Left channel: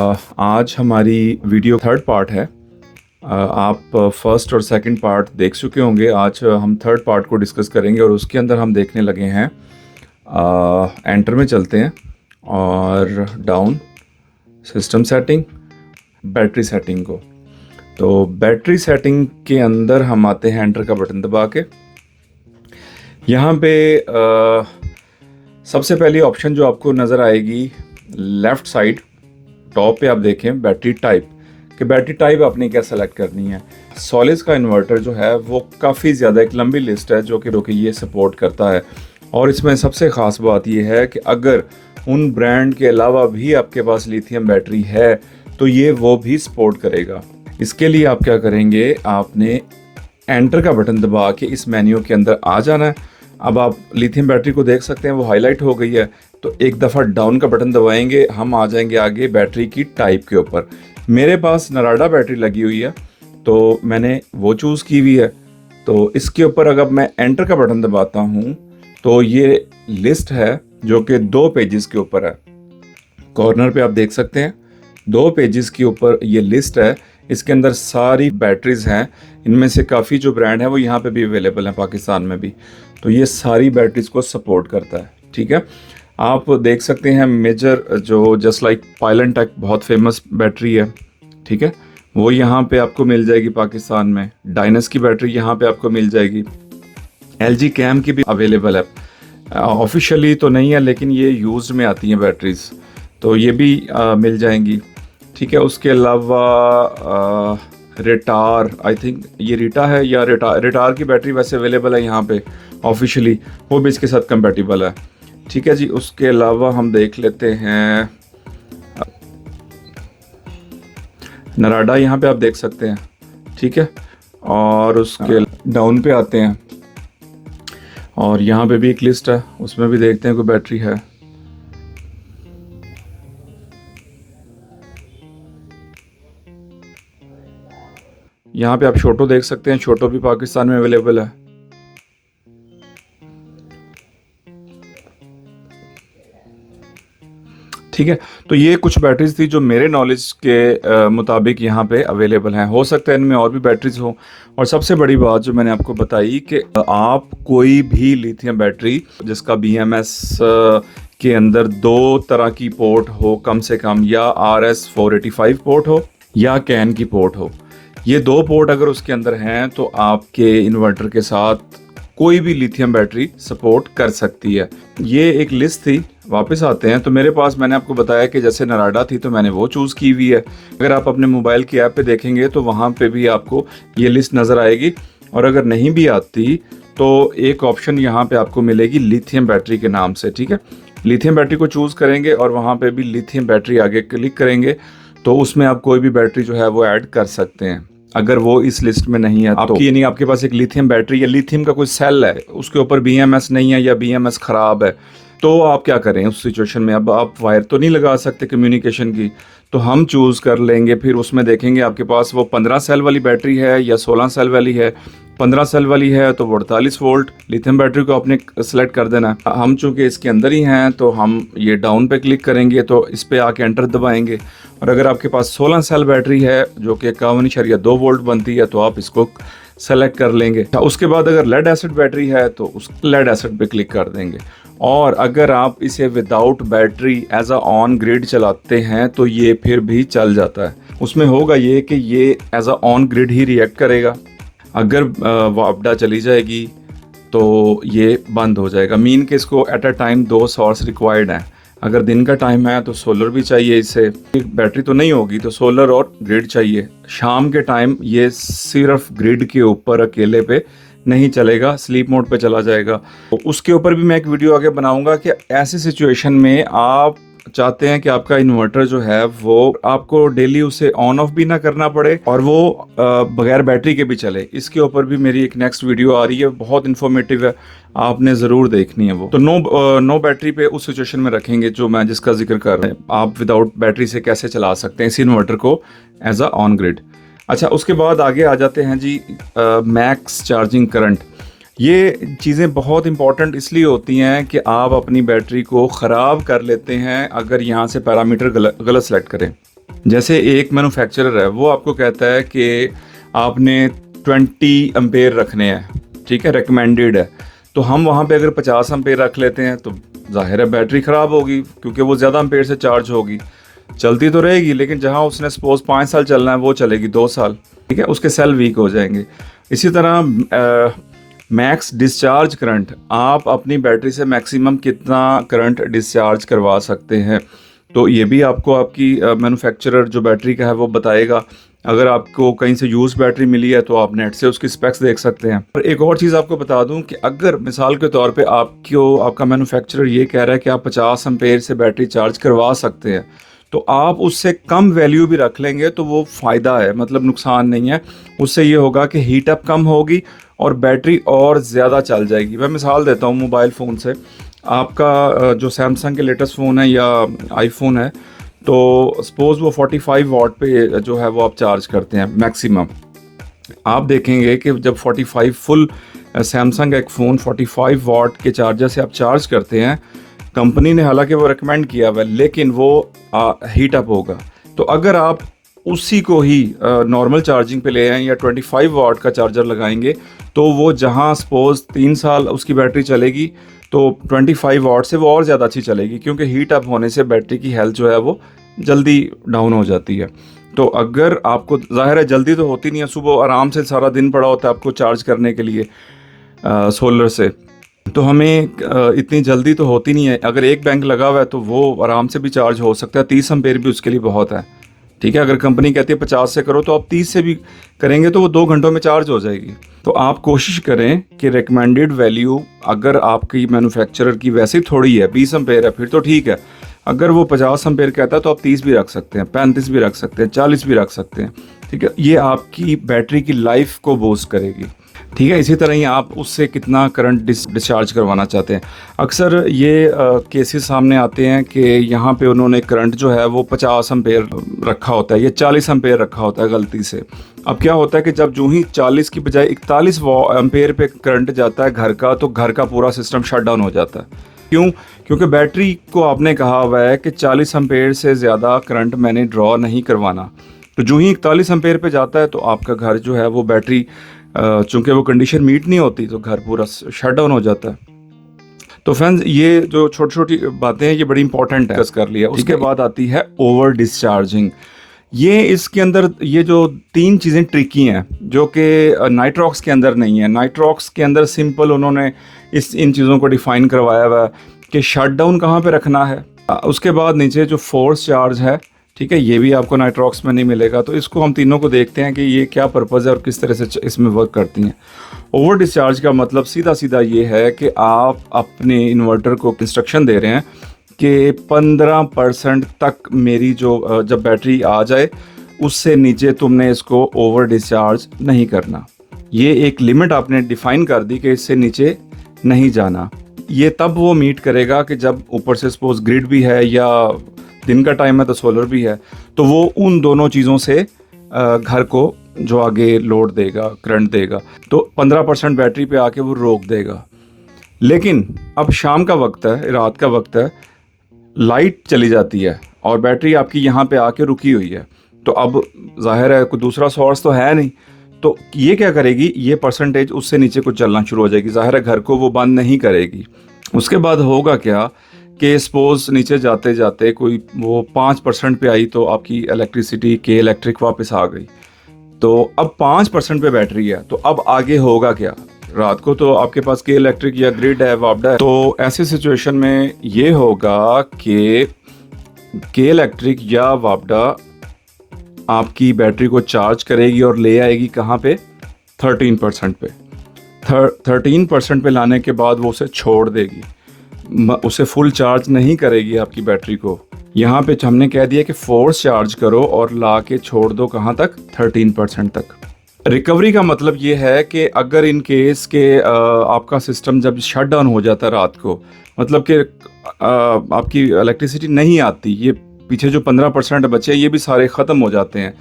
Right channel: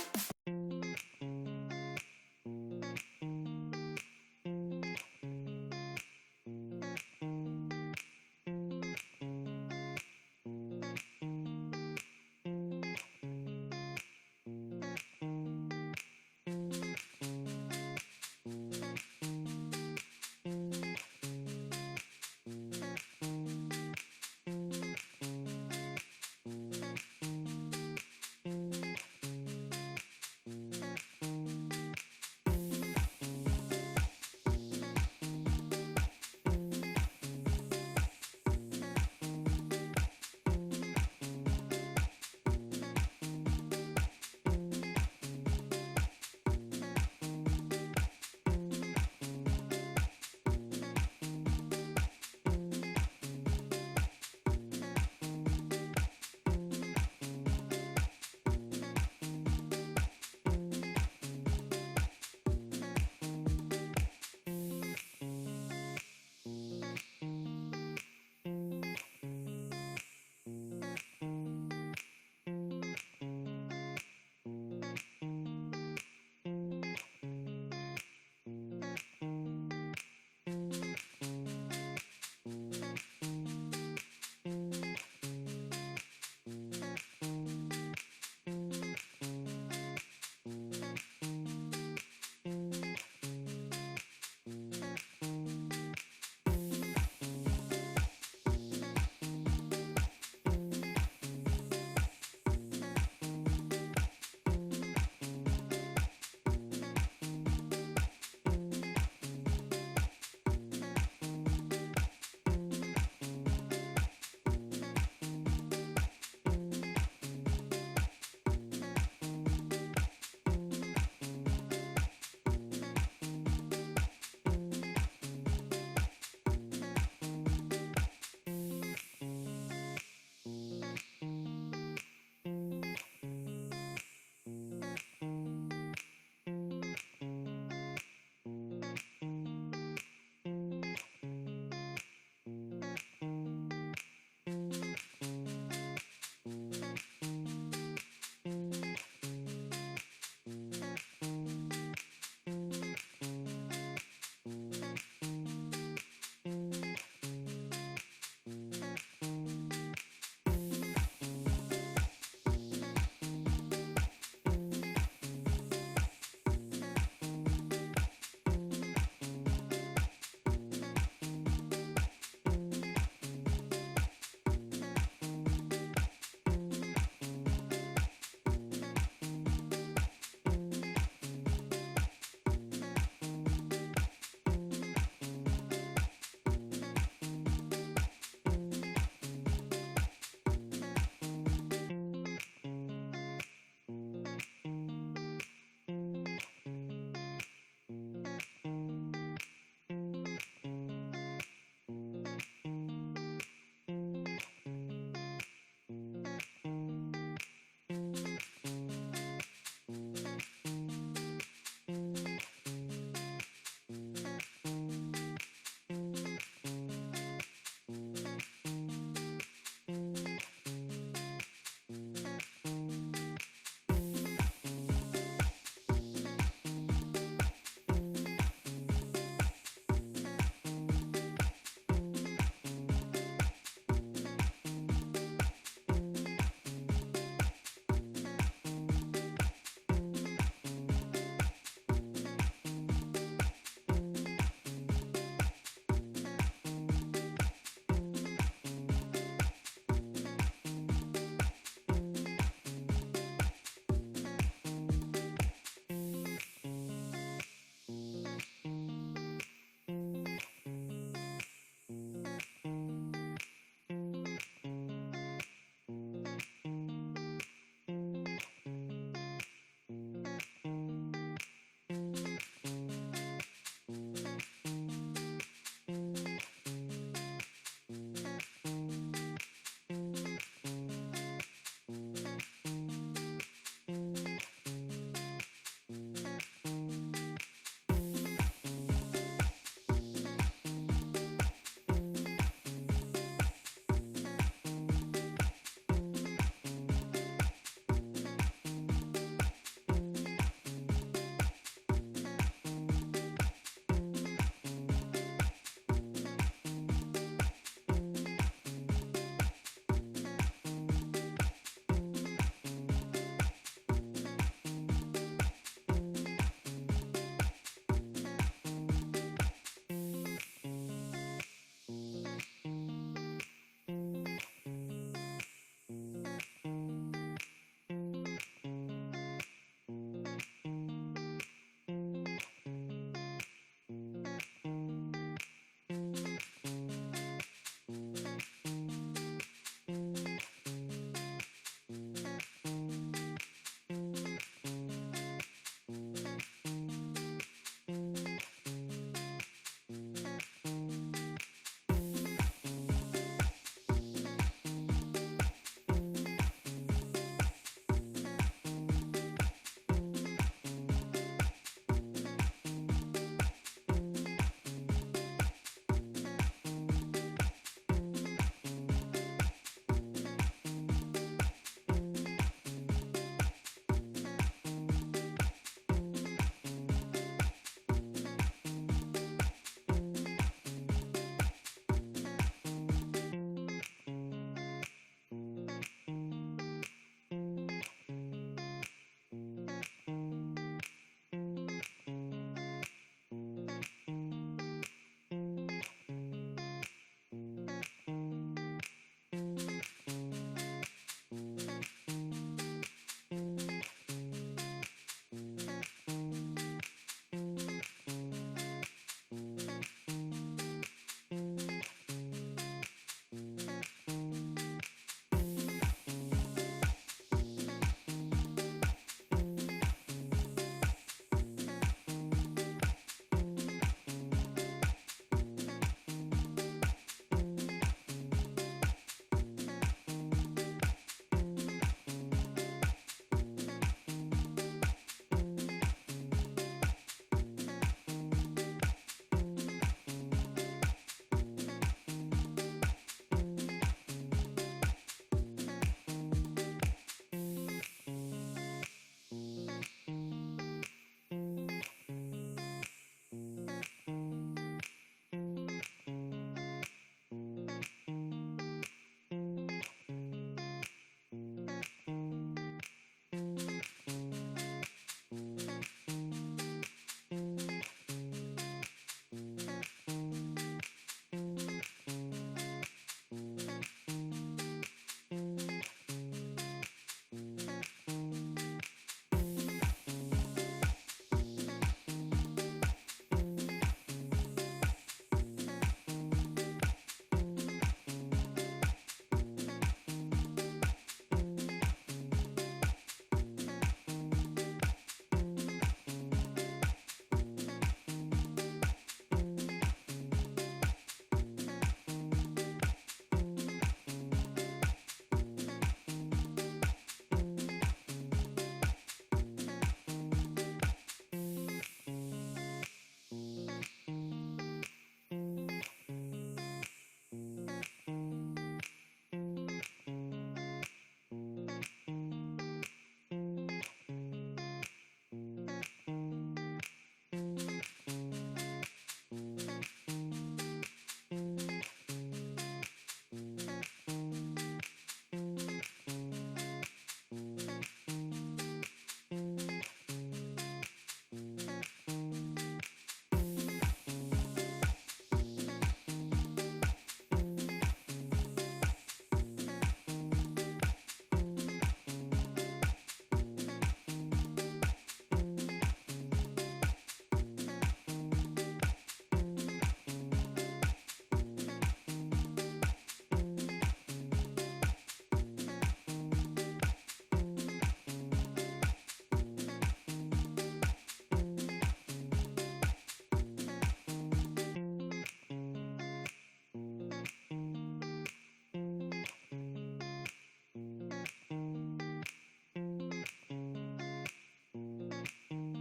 आज हमारी video third part है। आप फर्स्ट और सेकंड पार्ट देख चुके होंगे। आज हम थर्ड पार्ट को डिस्कस करेंगे और उसके अंदर हम देखने लगे हैं। एंटर में चलते हैं और down, system setting, battery setting को। तो बैटरी सेटिंग के अंदर हम आते हैं एंटर का बटन दबा के। यहाँ पे सबसे पहली ऑप्शन जो आपको नज़र आएगी लेफ़्ट साइड टॉप पे, आप देखें बैटरी टाइप कि बैटरी टाइप आपने क्या सेलेक्ट करनी है। सॉलिस का इन्वर्टर जो है वो काफ़ी ज़्यादा एक लंबी लिस्ट है जो कि ये सपोर्ट करता है। और इसमें सबसे ख़ास बात ये है कि अगर उन ब्रांड के अलावा भी आपके पास लिथियम बैटरी है तो ये वो भी सपोर्ट करेगा। इसके लिए आप क्या करेंगे, आपने एंटर का बटन दबा के इस मेन्यू के अंदर आ जाना है। अब आप लिथियम बैटरी को देख सकते हैं, वो हाईलाइट हो गई है। तो एक दफ़ा डाउन का बटन दबाएंगे, हम आ जाएंगे आगे बैटरी की टाइप के ऊपर। मेरे पास नराडा बैटरी लगी हुई है तो मैंने वो चूज़ की हुई है। तो इसके ऊपर अगर मैं एंटर का बटन दबाता हूँ तो ये लिस्ट है जो कि 2 पेजेस के ऊपर है। कॉर्नर पे आप देख सकते हैं 2 पेजेस के ऊपर ये लिस्ट है। इसके अंदर सारी बैटरीज हैं, इनमें से काफ़ी जो ब्रांड है वो यहाँ पे भी अवेलेबल हैं, पाकिस्तान में भी। तो ये सारी बैटरीज को सपोर्ट करता है, ठीक है। आप देख सकते हैं मेजर जो जस्ट लाइक पायलनटेक बहुत फेमस बैटरी है, ठीक है, वो यहाँ पे आपको मिल जाएगी पाकिस्तान में। डायनस की बैटरी यहाँ पे आपको मिल जाएगी। LG कैम की भी अवेलेबल है, ऑफिशियली तो नहीं है लेकिन ये यूज में आती हैं बैटरीज, तो ये भी मिल जाएंगी, ठीक है। उसके अलावा रिटार, आई थिंक ये रीटा है या रिटार की बैटरी वैसे अवेलेबल है यहाँ पे ऑफिशियली, वो भी इसके साथ कंपैटिबल है, ठीक है जी। उसके अलावा हम देख लेते हैं नराडा, यहाँ पे आप देख सकते हैं, ठीक है। और उसके डाउन पे आते हैं और यहाँ पे भी एक लिस्ट है, उसमें भी देखते हैं कोई बैटरी है। यहाँ पे आप छोटो देख सकते हैं, छोटो भी पाकिस्तान में अवेलेबल है। ठीक है, तो ये कुछ बैटरीज थी जो मेरे नॉलेज के मुताबिक यहाँ पे अवेलेबल हैं। हो सकता है इनमें और भी बैटरीज हो। और सबसे बड़ी बात जो मैंने आपको बताई कि आप कोई भी लिथियम बैटरी जिसका BMS के अंदर 2 तरह की पोर्ट हो कम से कम, या RS485 पोर्ट हो या कैन की पोर्ट हो, ये 2 पोर्ट अगर उसके अंदर हैं तो आपके इन्वर्टर के साथ कोई भी लिथियम बैटरी सपोर्ट कर सकती है। ये एक लिस्ट थी। वापस आते हैं तो मेरे पास, मैंने आपको बताया कि जैसे नराडा थी तो मैंने वो चूज़ की हुई है। अगर आप अपने मोबाइल की ऐप पे देखेंगे तो वहाँ पे भी आपको ये लिस्ट नज़र आएगी। और अगर नहीं भी आती तो एक ऑप्शन यहाँ पे आपको मिलेगी लिथियम बैटरी के नाम से, ठीक है। लिथियम बैटरी को चूज़ करेंगे और वहाँ पे भी लिथियम बैटरी आगे क्लिक करेंगे तो उसमें आप कोई भी बैटरी जो है वो ऐड कर सकते हैं अगर वो इस लिस्ट में नहीं है तो। यानी आपके पास एक लिथियम बैटरी या लिथियम का कोई सेल है, उसके ऊपर BMS नहीं है या BMS ख़राब है, तो आप क्या करें उस सिचुएशन में। अब आप वायर तो नहीं लगा सकते कम्युनिकेशन की, तो हम चूज़ कर लेंगे, फिर उसमें देखेंगे आपके पास वो 15 सेल वाली बैटरी है या 16 सेल वाली है। 15 सेल वाली है तो 48 वोल्ट लिथियम बैटरी को आपने सेलेक्ट कर देना है। हम चूँकि इसके अंदर ही हैं तो हम ये डाउन पे क्लिक करेंगे तो इस पर आके एंटर दबाएंगे। और अगर आपके पास 16 सेल बैटरी है जो कि 51.2 वोल्ट बनती है तो आप इसको सेलेक्ट कर लेंगे। उसके बाद अगर लेड एसिड बैटरी है तो उस लेड एसिड पे क्लिक कर देंगे। और अगर आप इसे without battery as a on grid चलाते हैं तो ये फिर भी चल जाता है। उसमें होगा ये कि ये एज अ ऑन ग्रिड ही रिएक्ट करेगा। अगर वापडा चली जाएगी तो ये बंद हो जाएगा। मीन कि इसको at a time 2 source required हैं। अगर दिन का टाइम है तो सोलर भी चाहिए, इससे बैटरी तो नहीं होगी तो सोलर और ग्रिड चाहिए। शाम के टाइम ये सिर्फ ग्रिड के ऊपर अकेले पे नहीं चलेगा, स्लीप मोड पे चला जाएगा। तो उसके ऊपर भी मैं एक वीडियो आगे बनाऊंगा कि ऐसी सिचुएशन में आप चाहते हैं कि आपका इन्वर्टर जो है वो आपको डेली उसे ऑन ऑफ भी ना करना पड़े और वो बगैर बैटरी के भी चले। इसके ऊपर भी मेरी एक नेक्स्ट वीडियो आ रही है, बहुत इन्फॉर्मेटिव है, आपने ज़रूर देखनी है वो। तो नो बैटरी पे उस सिचुएशन में रखेंगे जो मैं जिसका जिक्र कर रहे हैं। आप विदाउट बैटरी से कैसे चला सकते हैं इस इन्वर्टर को एज अ ऑन ग्रिड। अच्छा, उसके बाद आगे आ जाते हैं जी मैक्स चार्जिंग करंट। ये चीज़ें बहुत इंपॉर्टेंट इसलिए होती हैं कि आप अपनी बैटरी को ख़राब कर लेते हैं अगर यहाँ से पैरामीटर गलत सेलेक्ट करें। जैसे एक मैन्युफैक्चरर है, वो आपको कहता है कि आपने 20 एम्पेयर रखने हैं, ठीक है, रिकमेंडेड है। तो हम वहाँ पे अगर 50 एम्पेयर रख लेते हैं तो जाहिर है बैटरी ख़राब होगी, क्योंकि वो ज़्यादा एम्पेयर से चार्ज होगी। चलती तो रहेगी, लेकिन जहाँ उसने सपोज 5 साल चलना है वो चलेगी 2 साल, ठीक है, उसके सेल वीक हो जाएंगे। इसी तरह मैक्स डिस्चार्ज करंट, आप अपनी बैटरी से मैक्सिमम कितना करंट डिस्चार्ज करवा सकते हैं, तो ये भी आपको आपकी मैन्युफैक्चरर जो बैटरी का है वो बताएगा। अगर आपको कहीं से यूज़ बैटरी मिली है तो आप नेट से उसकी स्पेक्स देख सकते हैं। और एक और चीज़ आपको बता दूं कि अगर मिसाल के तौर पे आपका मैन्युफैक्चरर ये कह रहा है कि आप 50 एम्पेयर से बैटरी चार्ज करवा सकते हैं, तो आप उससे कम वैल्यू भी रख लेंगे तो वो फ़ायदा है, मतलब नुकसान नहीं है। उससे ये होगा कि हीट अप कम होगी और बैटरी और ज़्यादा चल जाएगी। मैं मिसाल देता हूँ मोबाइल फ़ोन से। आपका जो सैमसंग के लेटेस्ट फ़ोन है या आईफोन है, तो सपोज़ वो 45 वाट पे जो है वो आप चार्ज करते हैं मैक्सिमम। आप देखेंगे कि जब 45 फुल सैमसंग एक फ़ोन 45 वाट के चार्जर से आप चार्ज करते हैं, कंपनी ने हालांकि वो रिकमेंड किया हुआ है, लेकिन वो हीट अप होगा। तो अगर आप उसी को ही नॉर्मल चार्जिंग पे ले आएँ या 25 वाट का चार्जर लगाएंगे, तो वो जहां सपोज 3 साल उसकी बैटरी चलेगी, तो 25 वाट से वो और ज़्यादा अच्छी चलेगी, क्योंकि हीट अप होने से बैटरी की हेल्थ जो है वो जल्दी डाउन हो जाती है। तो अगर आपको, ज़ाहिर है जल्दी तो होती नहीं है, सुबह आराम से सारा दिन पड़ा होता है आपको चार्ज करने के लिए सोलर से, तो हमें इतनी जल्दी तो होती नहीं है। अगर एक बैंक लगा हुआ है तो वो आराम से भी चार्ज हो सकता है, 30 एम्पेयर भी उसके लिए बहुत है, ठीक है। अगर कंपनी कहती है 50 से करो, तो आप 30 से भी करेंगे तो वो 2 घंटों में चार्ज हो जाएगी। तो आप कोशिश करें कि रिकमेंडेड वैल्यू, अगर आपकी मैन्युफैक्चरर की वैसे थोड़ी है, 20 एम्पेयर है, फिर तो ठीक है। अगर वो 50 एम्पेयर कहता है तो आप 30 भी रख सकते हैं, 35 भी रख सकते हैं, 40 भी रख सकते हैं, ठीक है। ये आपकी बैटरी की लाइफ को बूस्ट करेगी, ठीक है। इसी तरह ही आप उससे कितना करंट डिस्चार्ज करवाना चाहते हैं। अक्सर ये केसेस सामने आते हैं कि यहाँ पे उन्होंने करंट जो है वो 50 एम्पेयर रखा होता है या 40 एम्पेयर रखा होता है गलती से। अब क्या होता है कि जब जो ही 40 की बजाय 41 एम्पेयर पे करंट जाता है घर का, तो घर का पूरा सिस्टम शट डाउन हो जाता है। क्यों? क्योंकि बैटरी को आपने कहा हुआ है कि 40 एम्पेयर से ज़्यादा करंट मैंने ड्रॉ नहीं करवाना। तो जो ही 41 एम्पेयर पे जाता है तो आपका घर जो है वो बैटरी, चूंकि वो कंडीशन मीट नहीं होती, तो घर पूरा शट डाउन हो जाता है। तो फ्रेंड्स, ये जो छोटी छोटी बातें हैं ये बड़ी इंपॉर्टेंट है, डिस्कस कर लिया। उसके बाद आती है ओवर डिस्चार्जिंग। ये इसके अंदर ये जो 3 चीज़ें ट्रिकी हैं जो कि नाइट्रॉक्स के अंदर नहीं है। नाइट्रॉक्स के अंदर सिंपल उन्होंने इन चीज़ों को डिफ़ाइन करवाया हुआ है कि शट डाउन कहाँ पे रखना है। उसके बाद नीचे जो फोर्स चार्ज है, ठीक है, ये भी आपको नाइट्रॉक्स में नहीं मिलेगा। तो इसको हम तीनों को देखते हैं कि ये क्या पर्पज़ है और किस तरह से इसमें वर्क करती हैं। ओवर डिस्चार्ज का मतलब सीधा सीधा ये है कि आप अपने इन्वर्टर को इंस्ट्रक्शन दे रहे हैं कि 15% तक मेरी जो जब बैटरी आ जाए उससे नीचे तुमने इसको ओवर डिस्चार्ज नहीं करना। ये एक लिमिट आपने डिफ़ाइन कर दी कि इससे नीचे नहीं जाना। ये तब वो मीट करेगा कि जब ऊपर से सपोज ग्रिड भी है या दिन का टाइम है तो सोलर भी है, तो वो उन दोनों चीज़ों से घर को जो आगे लोड देगा, करंट देगा, तो 15% बैटरी पे आके वो रोक देगा। लेकिन अब शाम का वक्त है, रात का वक्त है, लाइट चली जाती है और बैटरी आपकी यहाँ पे आके रुकी हुई है, तो अब जाहिर है कोई दूसरा सोर्स तो है नहीं, तो ये क्या करेगी, ये परसेंटेज उससे नीचे कुछ चलना शुरू हो जाएगी। जाहिर है घर को वो बंद नहीं करेगी। उसके बाद होगा क्या कि सपोज नीचे जाते जाते कोई वो 5% पे आई, तो आपकी इलेक्ट्रिसिटी के इलेक्ट्रिक वापस आ गई, तो अब 5% पे बैटरी है, तो अब आगे होगा क्या। रात को तो आपके पास के इलेक्ट्रिक या ग्रिड है, वापडा है, तो ऐसी सिचुएशन में ये होगा कि के इलेक्ट्रिक या वापडा आपकी बैटरी को चार्ज करेगी और ले आएगी कहाँ पे, 13% पे। 13% पे लाने के बाद वो उसे छोड़ देगी, उसे फुल चार्ज नहीं करेगी आपकी बैटरी को। यहाँ पे हमने कह दिया कि फोर्स चार्ज करो और ला के छोड़ दो कहाँ तक, 13% तक। रिकवरी का मतलब ये है कि अगर इन केस के आपका सिस्टम जब शट डाउन हो जाता है रात को, मतलब कि आपकी इलेक्ट्रिसिटी नहीं आती, ये पीछे जो 15% बचे ये भी सारे ख़त्म हो जाते हैं।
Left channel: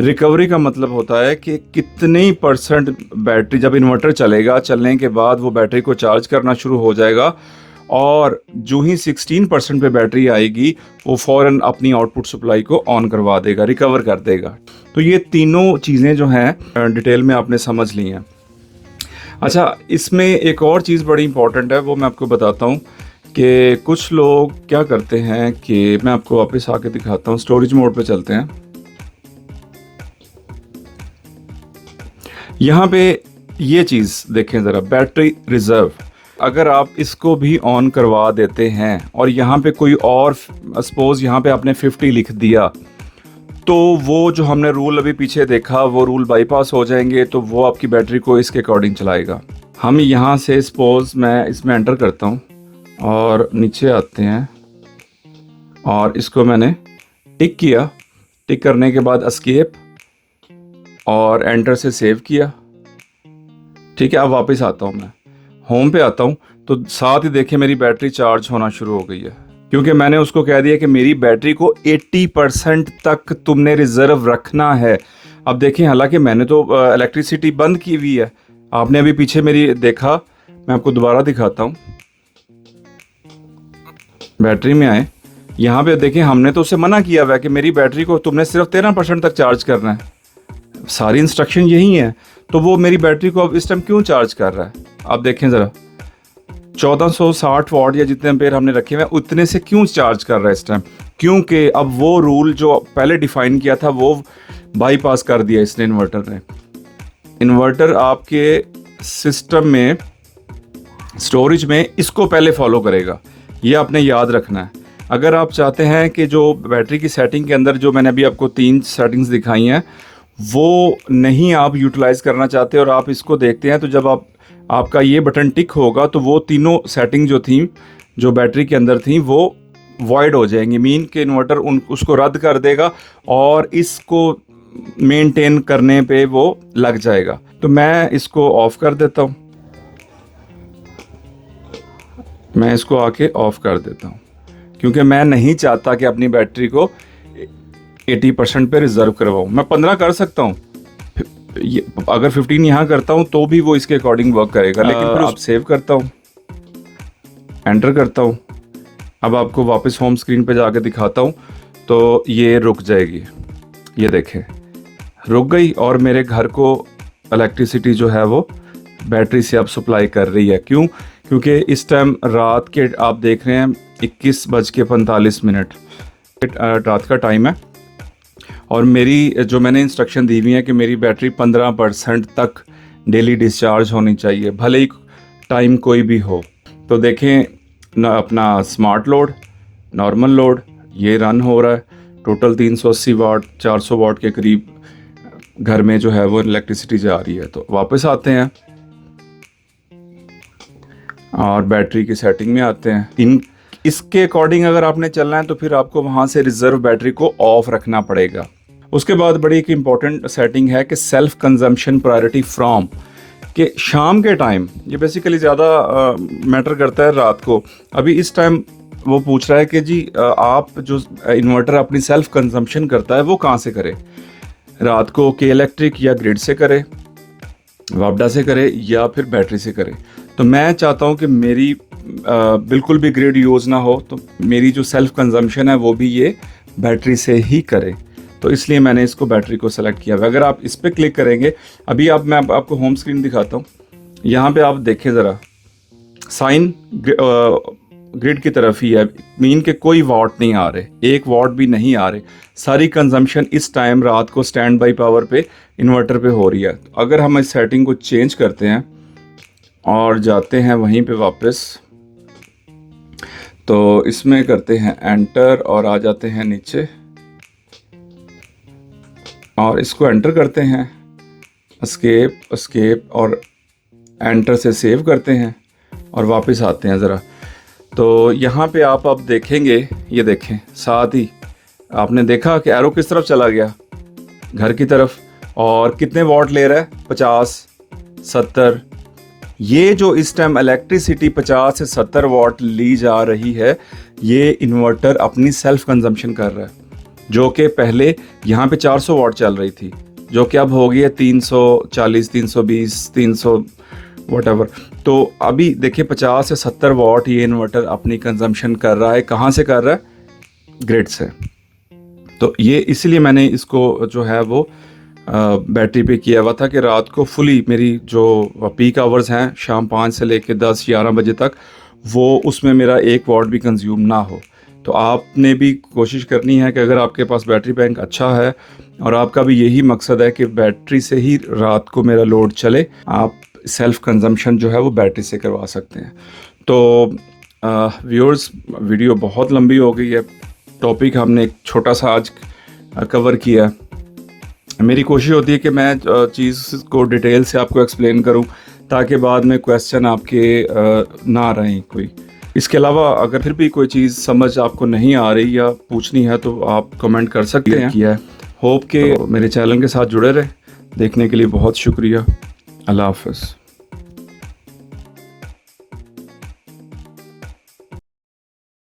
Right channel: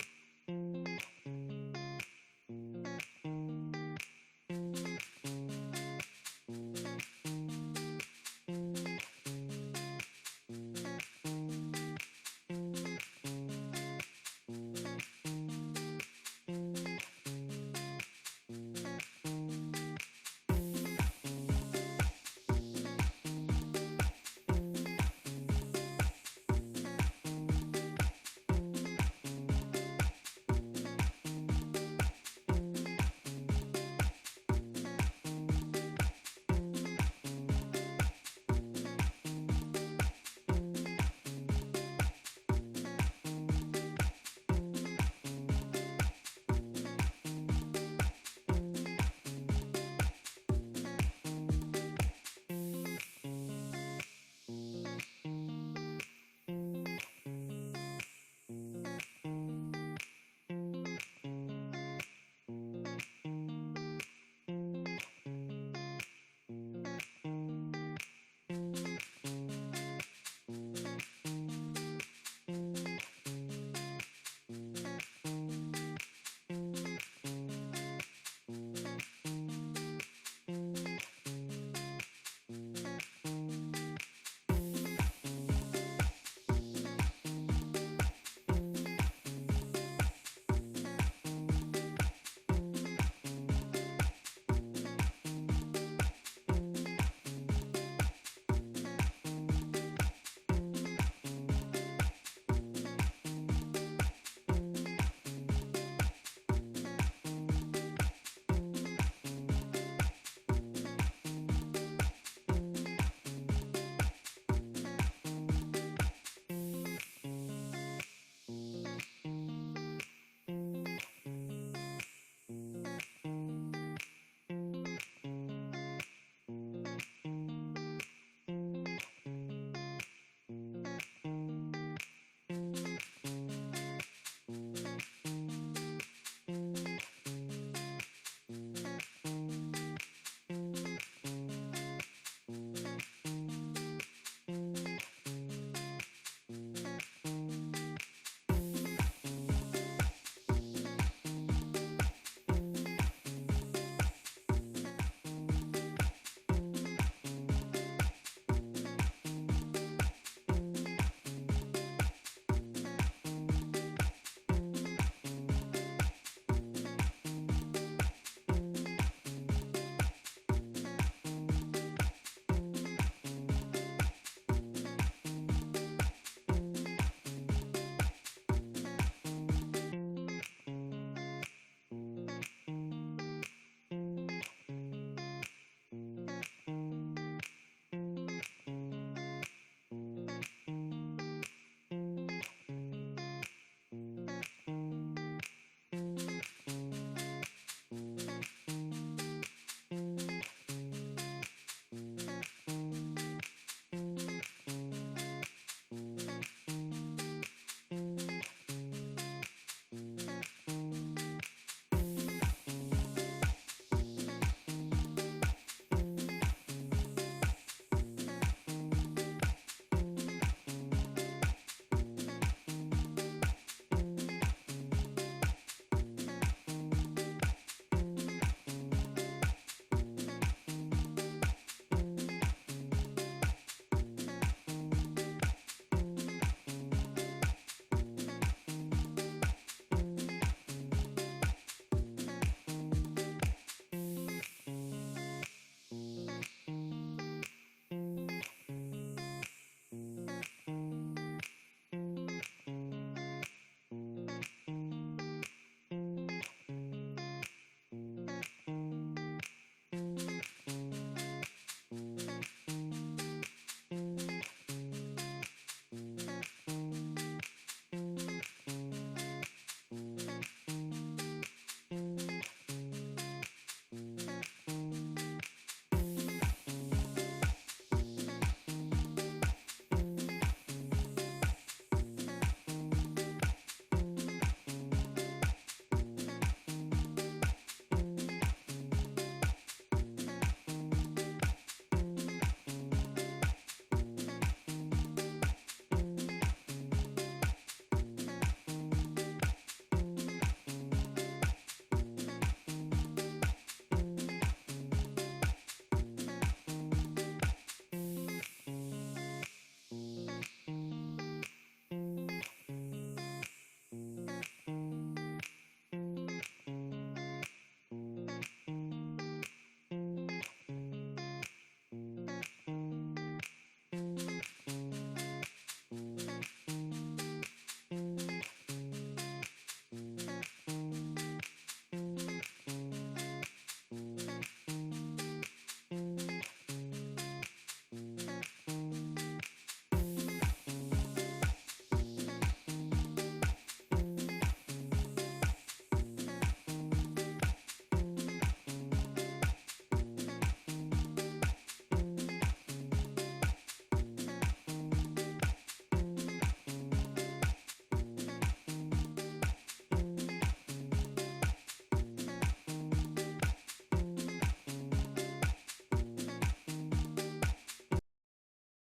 रिकवरी का मतलब होता है कि कितने % बैटरी, जब इन्वर्टर चलेगा, चलने के बाद वो बैटरी को चार्ज करना शुरू हो जाएगा और जो ही 16% पे बैटरी आएगी वो फ़ौरन अपनी आउटपुट सप्लाई को ऑन करवा देगा, रिकवर कर देगा। तो ये तीनों चीज़ें जो हैं डिटेल में आपने समझ ली हैं। अच्छा, इसमें एक और चीज़ बड़ी इंपॉर्टेंट है, वो मैं आपको बताता हूँ कि कुछ लोग क्या करते हैं कि मैं आपको वापस आके दिखाता हूँ, स्टोरेज मोड पे चलते हैं। यहाँ पे ये चीज़ देखें ज़रा, बैटरी रिज़र्व, अगर आप इसको भी ऑन करवा देते हैं और यहाँ पे कोई और सपोज़ यहाँ पे आपने 50 लिख दिया, तो वो जो हमने रूल अभी पीछे देखा वो रूल बाईपास हो जाएंगे, तो वो आपकी बैटरी को इसके अकॉर्डिंग चलाएगा। हम यहाँ से सपोज़ मैं इसमें एंटर करता हूँ और नीचे आते हैं और इसको मैंने टिक किया, टिक करने के बाद एस्केप और एंटर से सेव किया। ठीक है, अब वापस आता हूँ, मैं होम पे आता हूँ तो साथ ही देखिए मेरी बैटरी चार्ज होना शुरू हो गई है, क्योंकि मैंने उसको कह दिया कि मेरी बैटरी को 80% तक तुमने रिजर्व रखना है। अब देखें, हालांकि मैंने तो इलेक्ट्रिसिटी बंद की हुई है, आपने अभी पीछे मेरी देखा, मैं आपको दोबारा दिखाता हूँ। बैटरी में आए, यहाँ पे देखें हमने तो उसे मना किया हुआ है कि मेरी बैटरी को तुमने सिर्फ 13% तक चार्ज करना है, सारी इंस्ट्रक्शन यही है। तो वो मेरी बैटरी को अब इस टाइम क्यों चार्ज कर रहा है? आप देखें ज़रा, 1460 वाट या जितने एम्पेयर हमने रखे हुए हैं उतने से क्यों चार्ज कर रहा है इस टाइम? क्योंकि अब वो रूल जो पहले डिफाइन किया था वो बाईपास कर दिया इसने, इन्वर्टर ने। इन्वर्टर आपके सिस्टम में, स्टोरेज में इसको पहले फॉलो करेगा, ये आपने याद रखना है। अगर आप चाहते हैं कि जो बैटरी की सेटिंग के अंदर जो मैंने अभी आपको 3 सेटिंग्स दिखाई हैं वो नहीं आप यूटिलाइज़ करना चाहते और आप इसको देखते हैं, तो जब आपका ये बटन टिक होगा तो वो तीनों सेटिंग जो थी, जो बैटरी के अंदर थी, वो वॉइड हो जाएंगी। मीन के इन्वर्टर उसको रद्द कर देगा और इसको मेंटेन करने पे वो लग जाएगा। तो मैं इसको ऑफ कर देता हूँ, मैं इसको आके ऑफ कर देता हूँ, क्योंकि मैं नहीं चाहता कि अपनी बैटरी को 80% पे रिजर्व करवाऊँ। मैं 15 कर सकता हूँ, अगर 15 यहाँ करता हूँ तो भी वो इसके अकॉर्डिंग वर्क करेगा। लेकिन फिर आप सेव करता हूँ, एंटर करता हूँ, अब आपको वापस होम स्क्रीन पे जाके दिखाता हूँ तो ये रुक जाएगी। ये देखें, रुक गई और मेरे घर को इलेक्ट्रिसिटी जो है वो बैटरी से अब सप्लाई कर रही है। क्यों? क्योंकि इस टाइम रात के आप देख रहे हैं 21:45 रात का टाइम है और मेरी जो मैंने इंस्ट्रक्शन दी हुई है कि मेरी बैटरी 15% तक डेली डिस्चार्ज होनी चाहिए, भले ही टाइम कोई भी हो। तो देखें ना, अपना स्मार्ट लोड, नॉर्मल लोड ये रन हो रहा है, टोटल 380 वाट 400 वाट के करीब घर में जो है वो इलेक्ट्रिसिटी जा रही है। तो वापस आते हैं और बैटरी की सेटिंग में आते हैं। इसके अकॉर्डिंग अगर आपने चलना है तो फिर आपको वहाँ से रिजर्व बैटरी को ऑफ रखना पड़ेगा। उसके बाद बड़ी एक इम्पॉर्टेंट सेटिंग है कि सेल्फ कंजम्पशन प्रायोरिटी फ्रॉम, कि शाम के टाइम, ये बेसिकली ज़्यादा मैटर करता है रात को। अभी इस टाइम वो पूछ रहा है कि जी आप जो इन्वर्टर अपनी सेल्फ कंजम्पशन करता है वो कहाँ से करे, रात को के इलेक्ट्रिक या ग्रिड से करे, वापडा से करे या फिर बैटरी से करे। तो मैं चाहता हूँ कि मेरी बिल्कुल भी ग्रिड यूज़ ना हो, तो मेरी जो सेल्फ कंजम्पशन है वो भी ये बैटरी से ही करे। तो इसलिए मैंने इसको बैटरी को सेलेक्ट किया। अगर आप इस पर क्लिक करेंगे, अभी मैं आपको होम स्क्रीन दिखाता हूँ, यहाँ पे आप देखें ज़रा, साइन ग्रिड की तरफ ही है, मीन के कोई वाट नहीं आ रहे, 1 वाट भी नहीं आ रहे। सारी कंजम्पशन इस टाइम रात को स्टैंड बाई पावर पे इन्वर्टर पे हो रही है। अगर हम इस सेटिंग को चेंज करते हैं और जाते हैं वहीं पे वापस, तो इसमें करते हैं एंटर और आ जाते हैं नीचे और इसको एंटर करते हैं, एस्केप और एंटर से सेव करते हैं और वापस आते हैं ज़रा। तो यहाँ पे आप अब देखेंगे, ये देखें, साथ ही आपने देखा कि एरो किस तरफ चला गया, घर की तरफ, और कितने वाट ले रहा है, 50, 70। ये जो इस टाइम इलेक्ट्रिसिटी 50 से 70 वाट ली जा रही है, ये इन्वर्टर अपनी सेल्फ कंजम्पशन कर रहा है, जो कि पहले यहाँ पे 400 वाट चल रही थी, जो कि अब हो गई है 340, 320, वॉट। तो अभी देखिए 50 से 70 वाट ये इन्वर्टर अपनी कंजम्पशन कर रहा है। कहाँ से कर रहा है? ग्रिड से। तो ये इसलिए मैंने इसको जो है वो बैटरी पे किया हुआ था कि रात को फुली मेरी जो पीक आवर्स हैं शाम 5 से लेके 10-11 बजे तक, वो उसमें मेरा 1 वाट भी कंज्यूम ना हो। तो आपने भी कोशिश करनी है कि अगर आपके पास बैटरी बैंक अच्छा है और आपका भी यही मकसद है कि बैटरी से ही रात को मेरा लोड चले, आप सेल्फ कंजम्पशन जो है वो बैटरी से करवा सकते हैं। तो व्यूअर्स, वीडियो बहुत लंबी हो गई है, टॉपिक हमने एक छोटा सा आज कवर किया। मेरी कोशिश होती है कि मैं चीज़ को डिटेल से आपको एक्सप्लेन करूं ताकि बाद में क्वेश्चन आपके ना रहें कोई। इसके अलावा अगर फिर भी कोई चीज़ समझ आपको नहीं आ रही या पूछनी है तो आप कमेंट कर सकते हैं। किया है। होप के मेरे चैनल के साथ जुड़े रहे। देखने के लिए बहुत शुक्रिया। अल्लाह हाफ़िज़।